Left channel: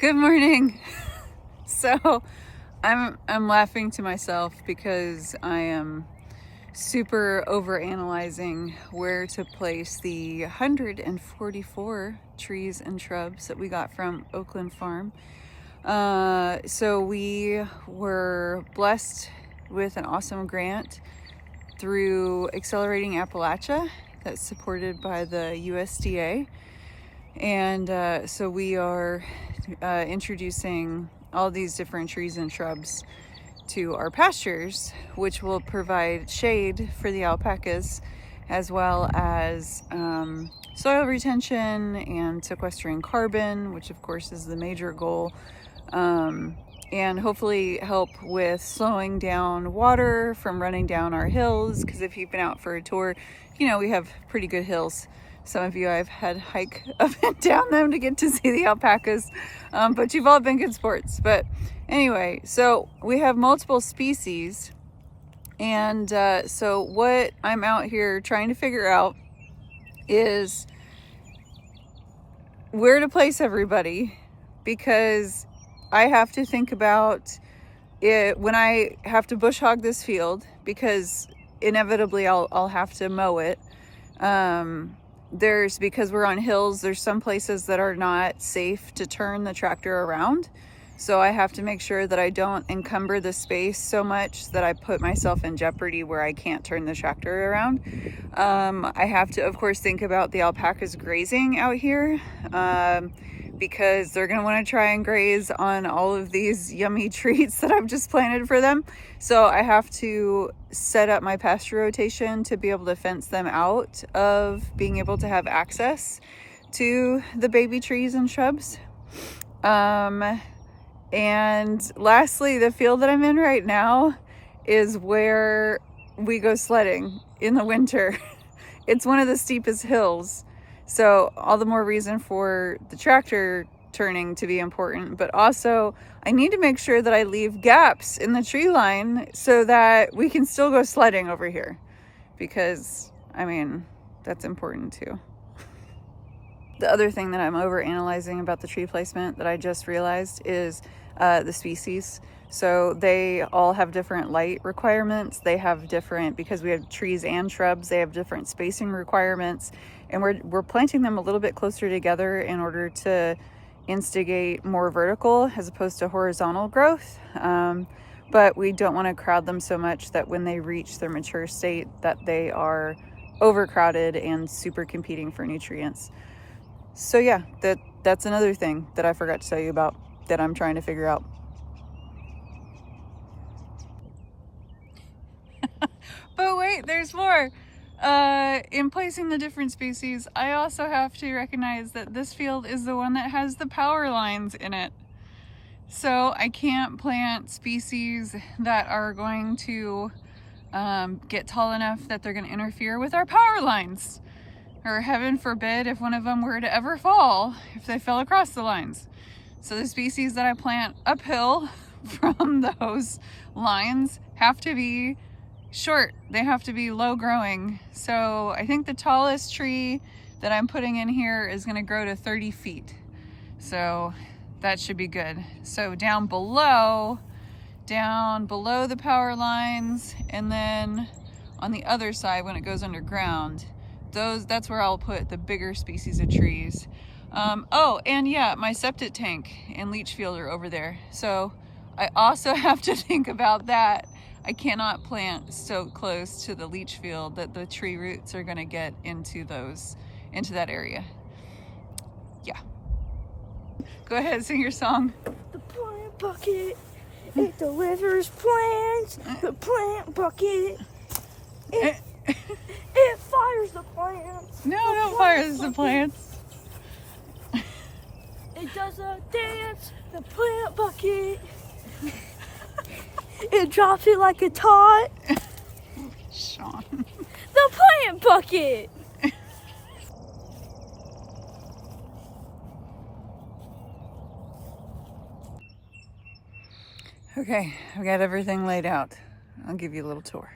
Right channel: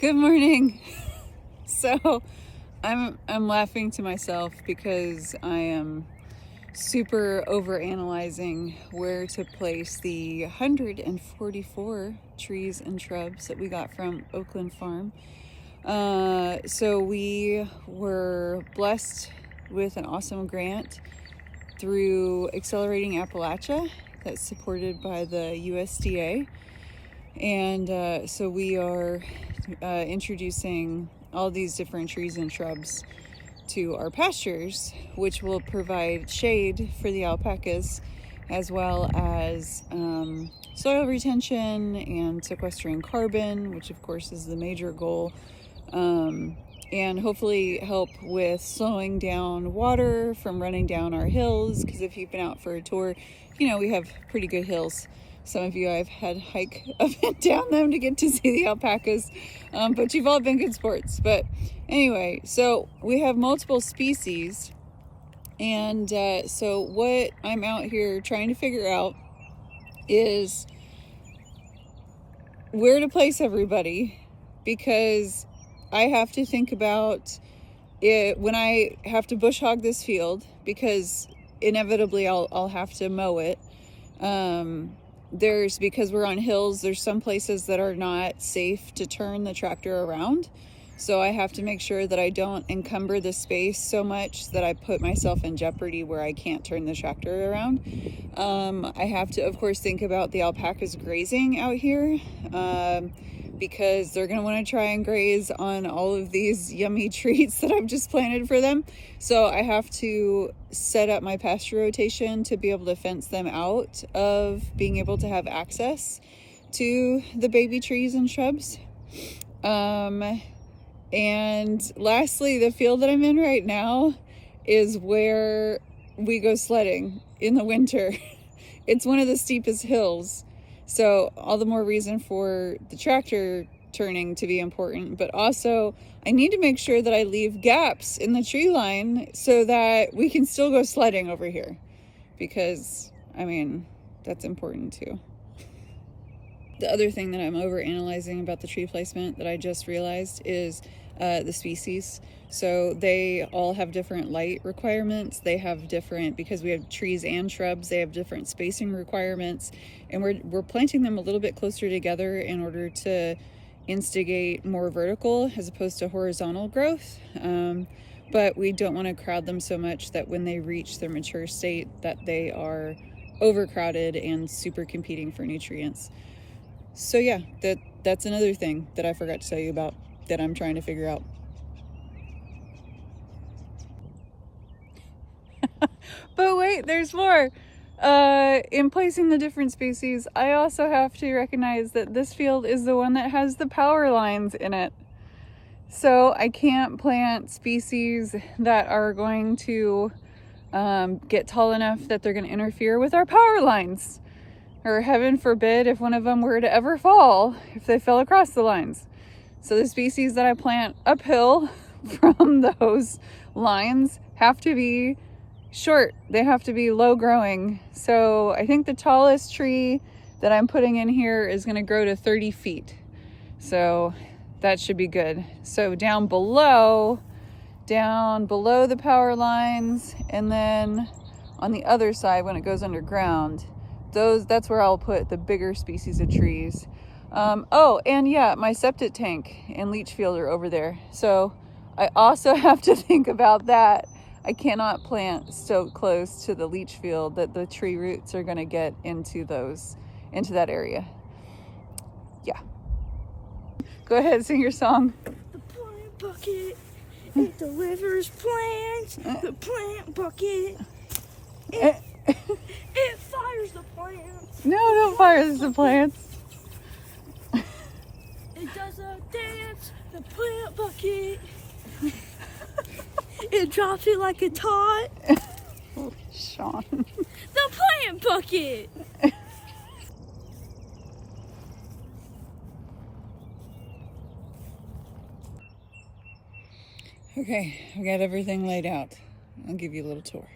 Good morning. So I'm laughing to myself because I am super over analyzing where to place the 144 trees and shrubs that we got from Oakland Farm. So we were blessed with an awesome grant through Accelerating Appalachia that's supported by the USDA. And so we are introducing all these different trees and shrubs to our pastures, which will provide shade for the alpacas, as well as soil retention and sequestering carbon, which of course is the major goal, and hopefully help with slowing down water from running down our hills, because if you've been out for a tour, you know we have pretty good hills. Some of you I've had hike up and down them to get to see the alpacas, but you've all been good sports. But anyway, so we have multiple species, and so what I'm out here trying to figure out is where to place everybody, because I have to think about it when I have to bush hog this field, because inevitably I'll have to mow it. Because we're on hills, there's some places that are not safe to turn the tractor around. So I have to make sure that I don't encumber the space so much that I put myself in jeopardy where I can't turn the tractor around. I have to, of course, think about the alpacas grazing out here, because they're gonna wanna try and graze on all of these yummy treats that I've just planted for them. So I have to set up my pasture rotation to be able to fence them out of being able to have access to the baby trees and shrubs. And lastly, the field that I'm in right now is where we go sledding in the winter. It's one of the steepest hills, so all the more reason for the tractor turning to be important, but also I need to make sure that I leave gaps in the tree line so that we can still go sledding over here, because I mean, that's important too. The other thing that I'm over analyzing about the tree placement that I just realized is the species. So they all have different light requirements. They have different, because we have trees and shrubs, they have different spacing requirements, and we're planting them a little bit closer together in order to instigate more vertical as opposed to horizontal growth. But we don't want to crowd them so much that when they reach their mature state that they are overcrowded and super competing for nutrients. So yeah, that's another thing that I forgot to tell you about that I'm trying to figure out. But wait, there's more. In placing the different species, I also have to recognize that this field is the one that has the power lines in it. So I can't plant species that are going to get tall enough that they're going to interfere with our power lines. Or heaven forbid if one of them were to ever fall, if they fell across the lines. So the species that I plant uphill from those lines have to be short. They have to be low growing. So I think the tallest tree that I'm putting in here is going to grow to 30 feet. So that should be good. So down below the power lines, and then on the other side when it goes underground, that's where I'll put the bigger species of trees. Oh, and yeah, my septic tank and leach field are over there. So I also have to think about that. I cannot plant so close to the leach field that the tree roots are gonna get into that area. Yeah. Go ahead, sing your song. The plant bucket, it delivers plants. The plant bucket, it fires the plants. No, don't fire the plants. It does a dance, the plant bucket. It drops it like a tot. Sean. The plant bucket. Okay, I've got everything laid out. I'll give you a little tour.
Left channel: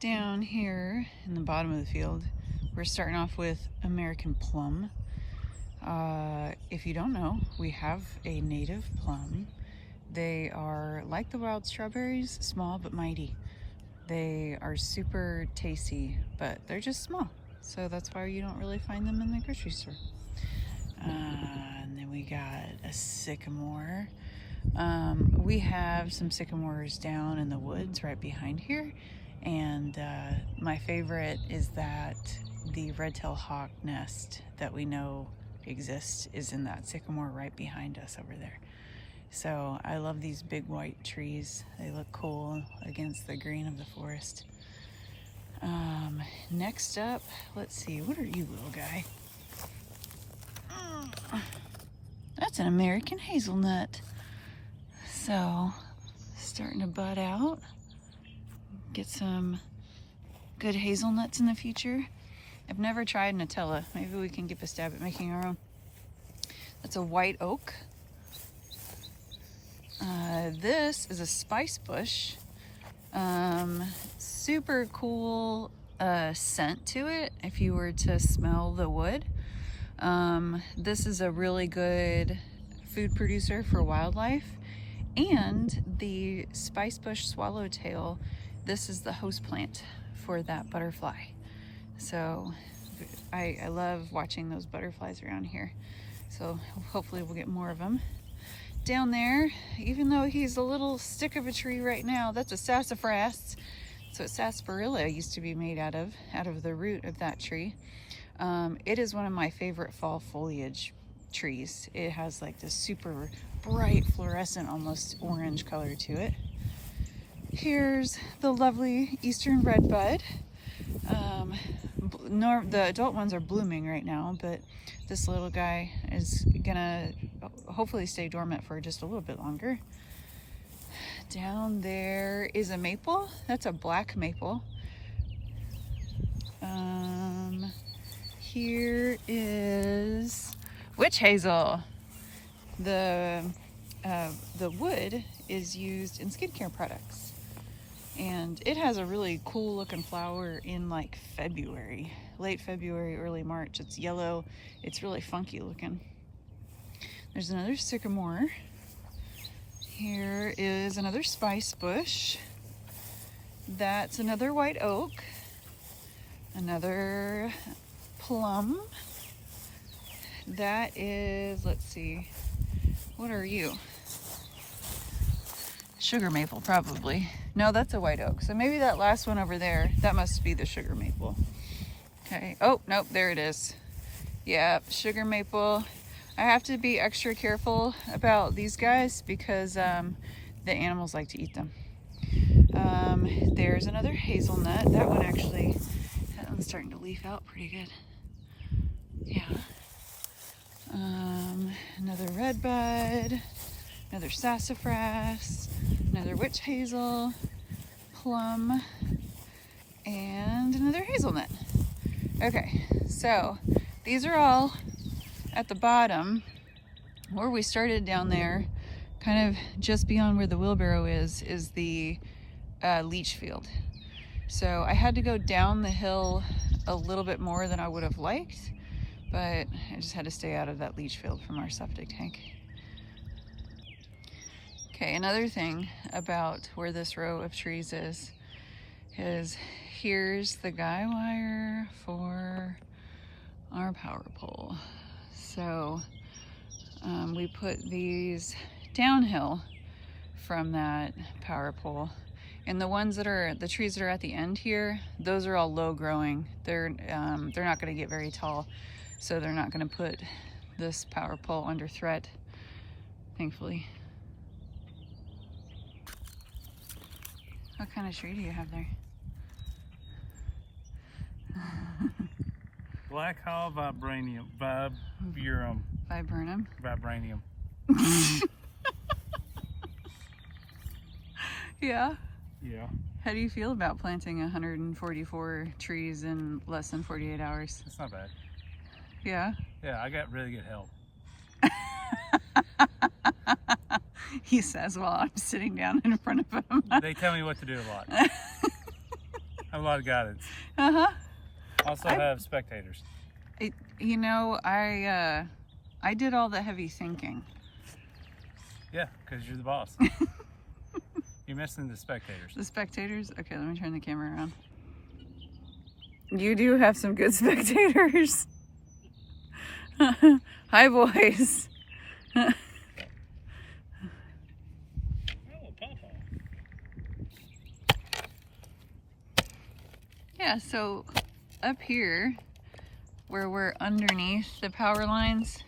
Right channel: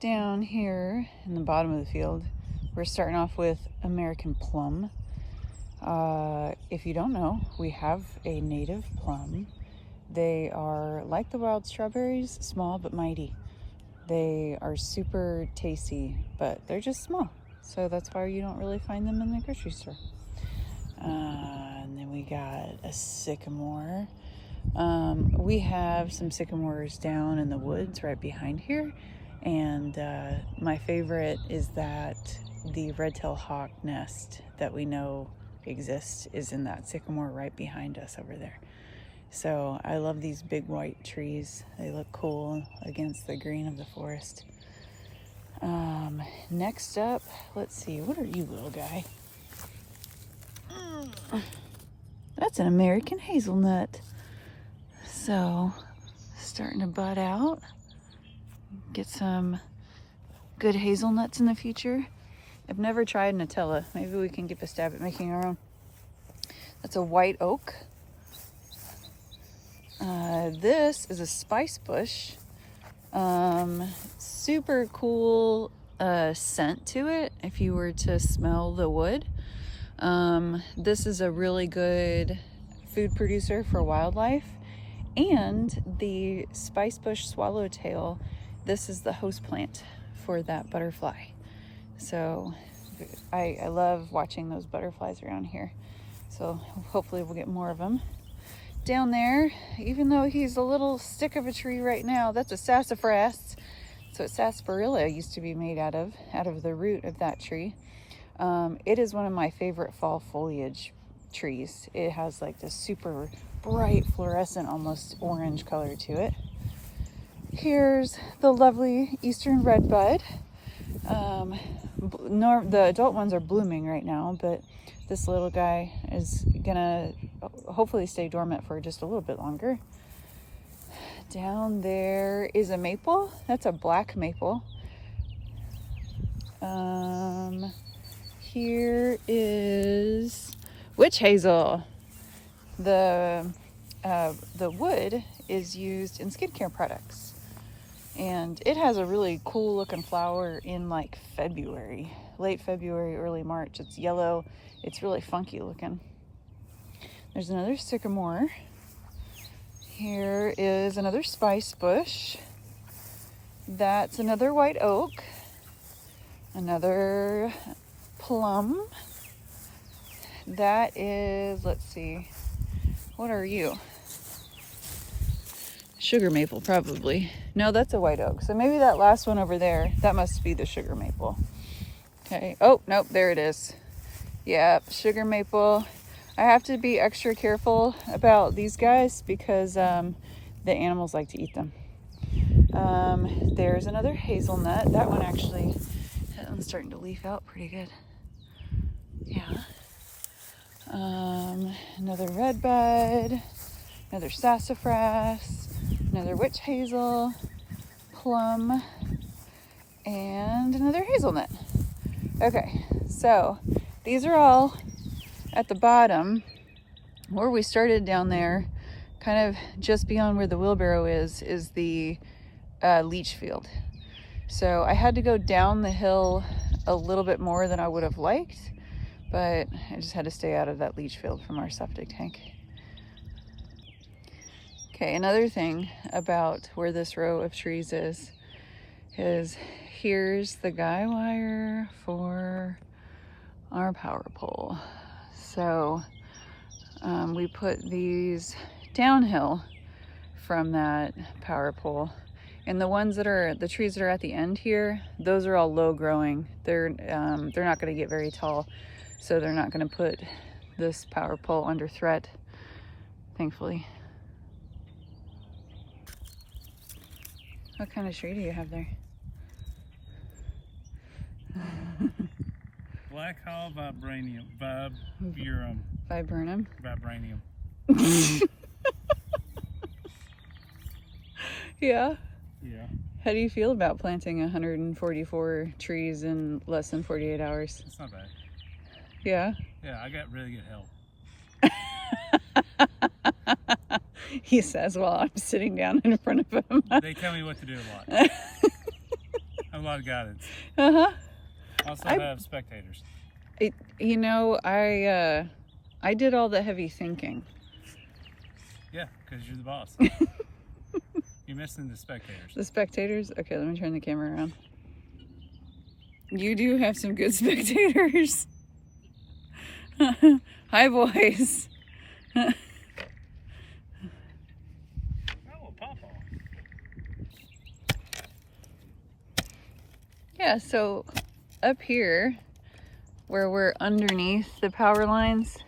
Down here in the bottom of the field, we're starting off with American plum. If you don't know, we have a native plum. They are like the wild strawberries, small but mighty. They are super tasty, but they're just small. So that's why you don't really find them in the grocery store. And then we got a sycamore. We have some sycamores down in the woods right behind here. And my favorite is that the red-tailed hawk nest that we know exists is in that sycamore right behind us over there. So I love these big white trees. They look cool against the green of the forest. Next up, let's see, what are you, little guy? That's an American hazelnut. So, starting to bud out. Get some good hazelnuts in the future. I've never tried Nutella. Maybe we can give a stab at making our own. That's a white oak. This is a spice bush. Super cool scent to it if you were to smell the wood. This is a really good food producer for wildlife. And the spice bush swallowtail, this is the host plant for that butterfly. So I love watching those butterflies around here. So hopefully we'll get more of them. Down there, even though he's a little stick of a tree right now, that's a sassafras. So sarsaparilla used to be made out of the root of that tree. It is one of my favorite fall foliage trees. It has like this super bright fluorescent, almost orange color to it. Here's the lovely eastern redbud. The adult ones are blooming right now, but this little guy is gonna hopefully stay dormant for just a little bit longer. Down there is a maple. That's a black maple. Here is witch hazel. The wood is used in skincare products, and it has a really cool looking flower in like February, late February, early March. It's yellow. It's really funky looking. There's another sycamore. Here is another spice bush. That's another white oak. Another plum. That is, let's see, what are you? Sugar maple, probably. No, that's a white oak. So maybe that last one over there, that must be the sugar maple. Okay. Oh, nope, there it is. Yeah, sugar maple. I have to be extra careful about these guys because the animals like to eat them. There's another hazelnut. That one's starting to leaf out pretty good. Yeah. Another redbud, another sassafras, another witch hazel, plum, and another hazelnut. Okay, so these are all at the bottom. Where we started down there, kind of just beyond where the wheelbarrow is the leach field. So I had to go down the hill a little bit more than I would have liked, but I just had to stay out of that leach field from our septic tank. Okay, another thing about where this row of trees is here's the guy wire for our power pole. So we put these downhill from that power pole. And the trees that are at the end here, those are all low growing. They're not gonna get very tall. So they're not gonna put this power pole under threat, thankfully. What kind of tree do you have there? Black Hall Vibranium. Viburnum. Viburnum? Vibranium. Yeah. Yeah. How do you feel about planting 144 trees in less than 48 hours? That's not bad. Yeah? Yeah, I got really good help. He says while I'm sitting down in front of him. They tell me what to do a lot. I have a lot of guidance. Uh-huh. Also have spectators. You know, I I did all the heavy thinking. Yeah, because you're the boss. You're missing the spectators. The spectators? Okay, let me turn the camera around. You do have some good spectators. Hi, boys. Oh, Papa. Yeah, so up here, where we're underneath the power lines,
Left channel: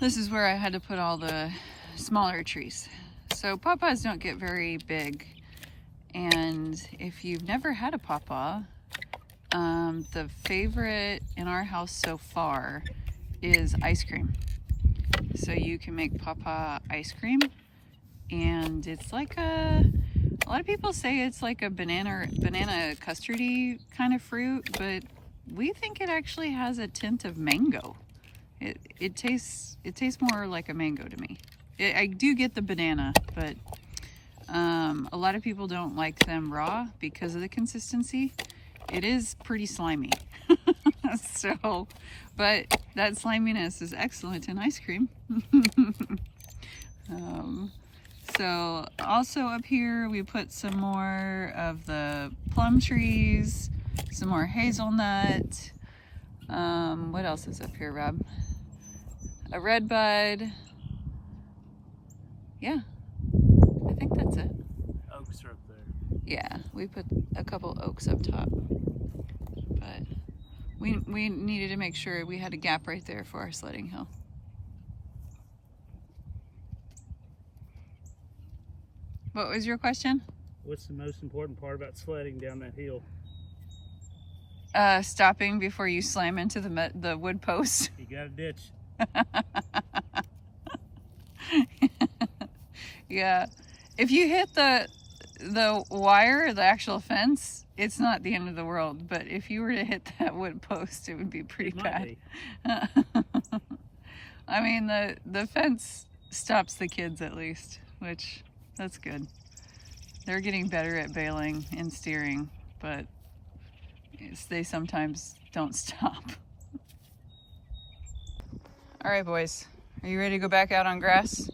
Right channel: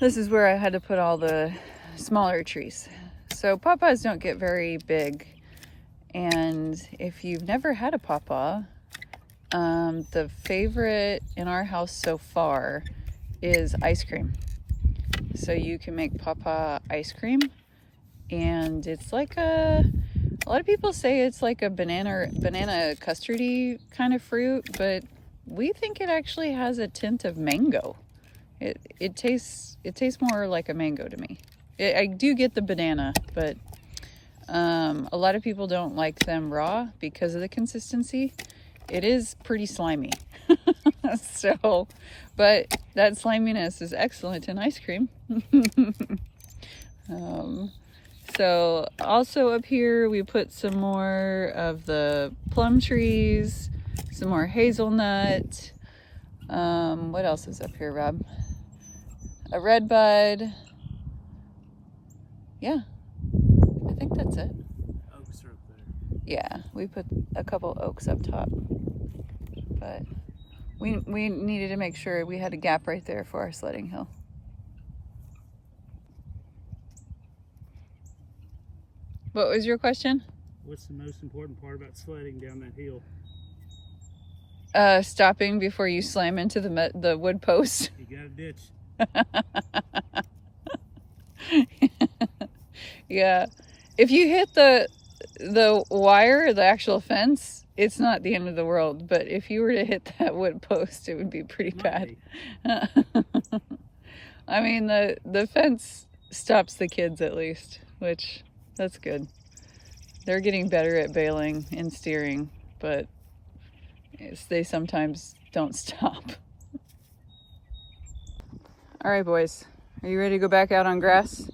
this is where I had to put all the smaller trees. So pawpaws don't get very big, and if you've never had a pawpaw, the favorite in our house so far is ice cream. So you can make pawpaw ice cream, and it's like a lot of people say it's like a banana custardy kind of fruit, but we think it actually has a tint of mango. It tastes more like a mango to me. I do get the banana, but a lot of people don't like them raw because of the consistency. It is pretty slimy. So, but that sliminess is excellent in ice cream. So also up here we put some more of the plum trees, some more hazelnut. What else is up here, Rob? A red bud. Yeah, I think that's it. Oaks are up there. Yeah, we put a couple oaks up top, but we needed to make sure we had a gap right there for our sledding hill. What was your question? What's the most important part about sledding down that hill? Stopping before you slam into the wood post. You got a ditch. Yeah, if you hit the wire, the actual fence, it's not the end of the world. But if you were to hit that wood post, it would be pretty bad. I mean, the fence stops the kids at least, which that's good. They're getting better at bailing and steering, but they sometimes don't stop. All right, boys, are you ready to go back out on grass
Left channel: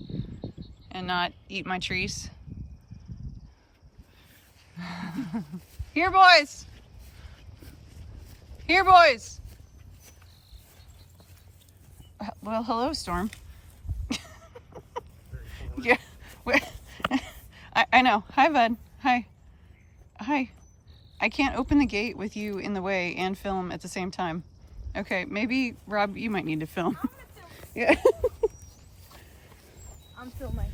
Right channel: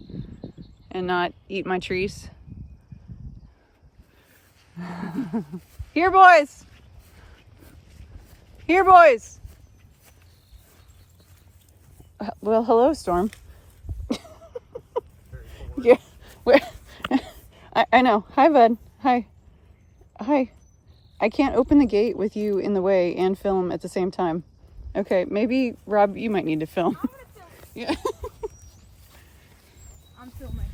and not eat my trees? Here, boys. Here, boys. Well, hello, Storm. Yeah. I know. Hi, bud. Hi. Hi. I can't open the gate with you in the way and film at the same time. Okay, maybe, Rob, you might need to film. I'm gonna film. Yeah. I'm filming.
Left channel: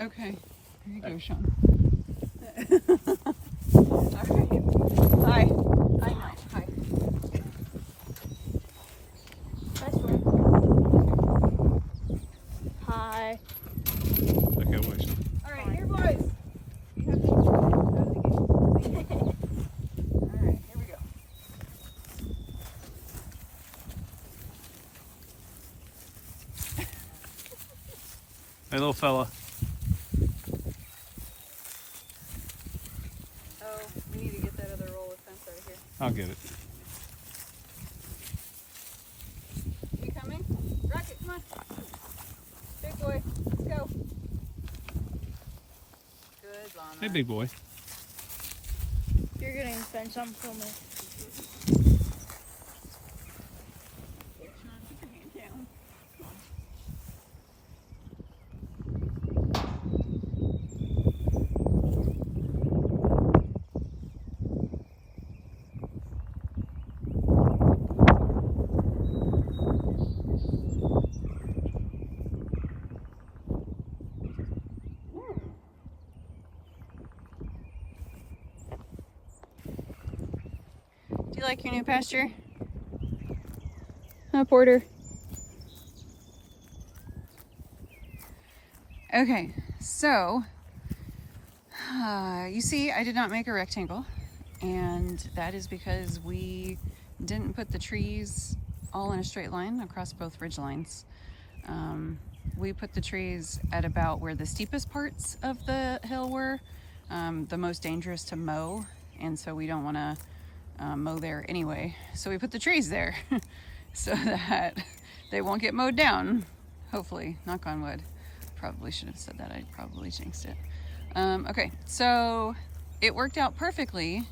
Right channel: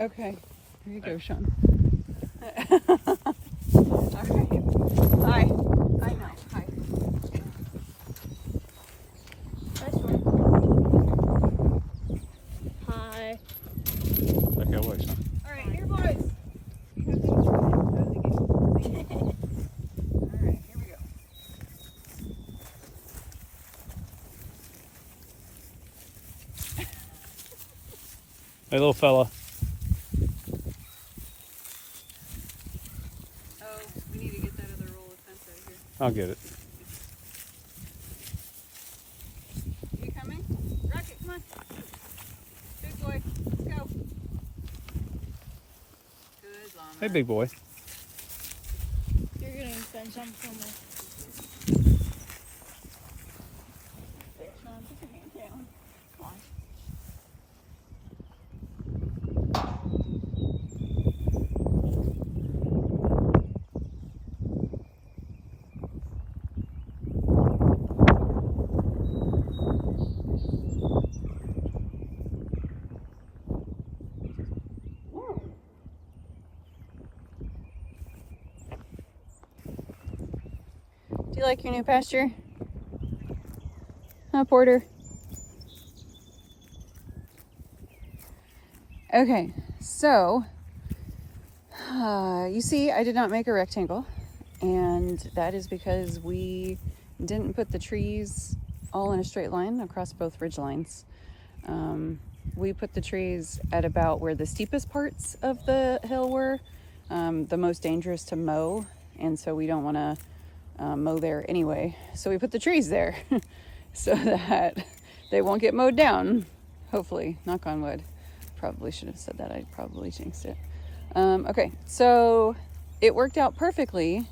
Okay. Here you go, Sean. All right. Hi. I know. Hi. Hi, Storm. Hi. Okay, watch. All right, here, boys. You have to get your head out of the gate. All right, here we go. Hey, little fella. Oh, we need to get that other roll of fence out of here. I'll get it. You coming? Rocket, come on. Big boy, let's go. Good llama. Hey, big boy. You're getting the fence. I'm filming. There, Sean, put your hand down. Come on. Do you like your new pasture? Huh, Porter? Okay, so you see I did not make a rectangle, and that is because we didn't put the trees all in a straight line across both ridge lines. We put the trees at about where the steepest parts of the hill were, the most dangerous to mow, and so we don't want to mow there anyway. So we put the trees there so that they won't get mowed down. Hopefully, knock on wood. Probably should have said that. I probably jinxed it. Okay, so it worked out perfectly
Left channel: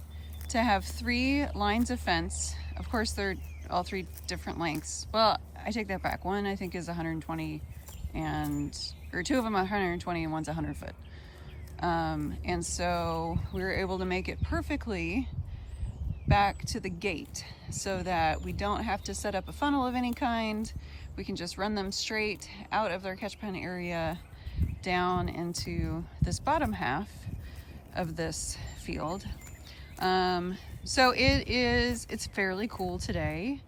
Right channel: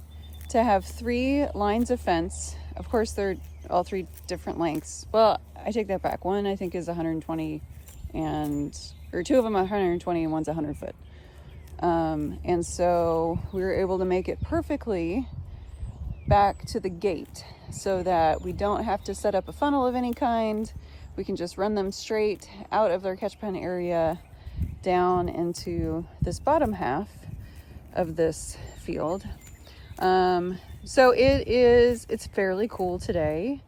to have 3 lines of fence. Of course, they're all 3 different lengths. Well, I take that back. One I think is 120 or 2 of them are 120 and one's 100 foot. And so we were able to make it perfectly back to the gate so that we don't have to set up a funnel of any kind. We can just run them straight out of their catch pen area down into this bottom half of this field. So it's fairly cool today,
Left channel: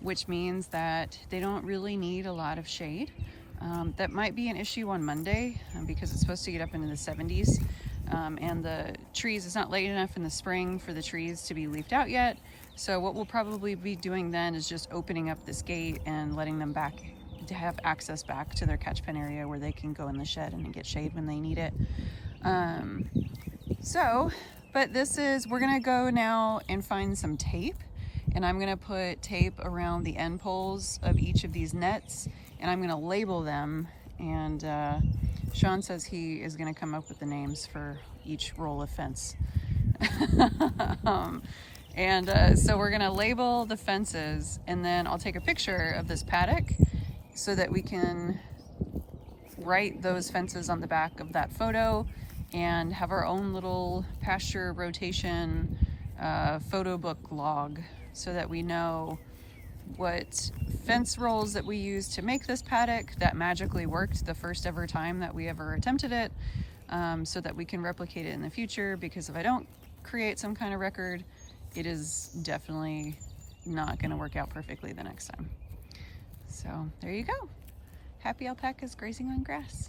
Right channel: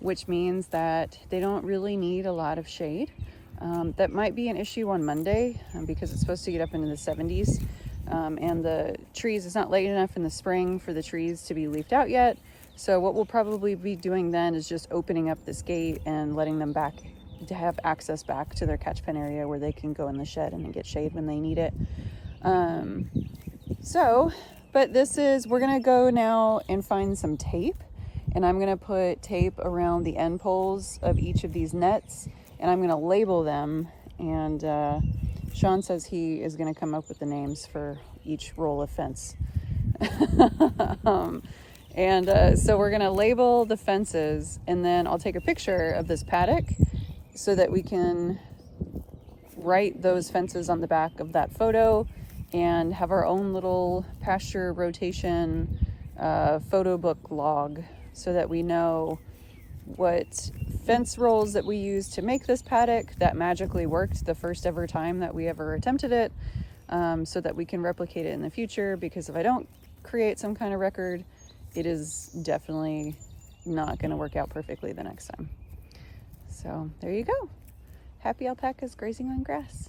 which means that they don't really need a lot of shade. That might be an issue on Monday because it's supposed to get up into the 70s. And the trees, it's not late enough in the spring for the trees to be leafed out yet. So what we'll probably be doing then is just opening up this gate and letting them back to have access back to their catch pen area where they can go in the shed and get shade when they need it. But we're gonna go now and find some tape, and I'm gonna put tape around the end poles of each of these nets, and I'm gonna label them. And Sean says he is gonna come up with the names for each roll of fence. So we're gonna label the fences, and then I'll take a picture of this paddock so that we can write those fences on the back of that photo and have our own little pasture rotation photo book log so that we know what fence rolls that we used to make this paddock that magically worked the first ever time that we ever attempted it, so that we can replicate it in the future, because if I don't create some kind of record, it is definitely not going to work out perfectly the next time. So there you go. Happy alpacas grazing on grass.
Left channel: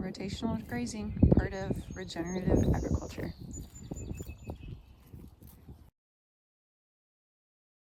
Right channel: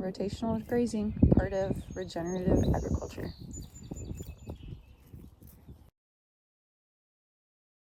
Rotational grazing, part of regenerative agriculture.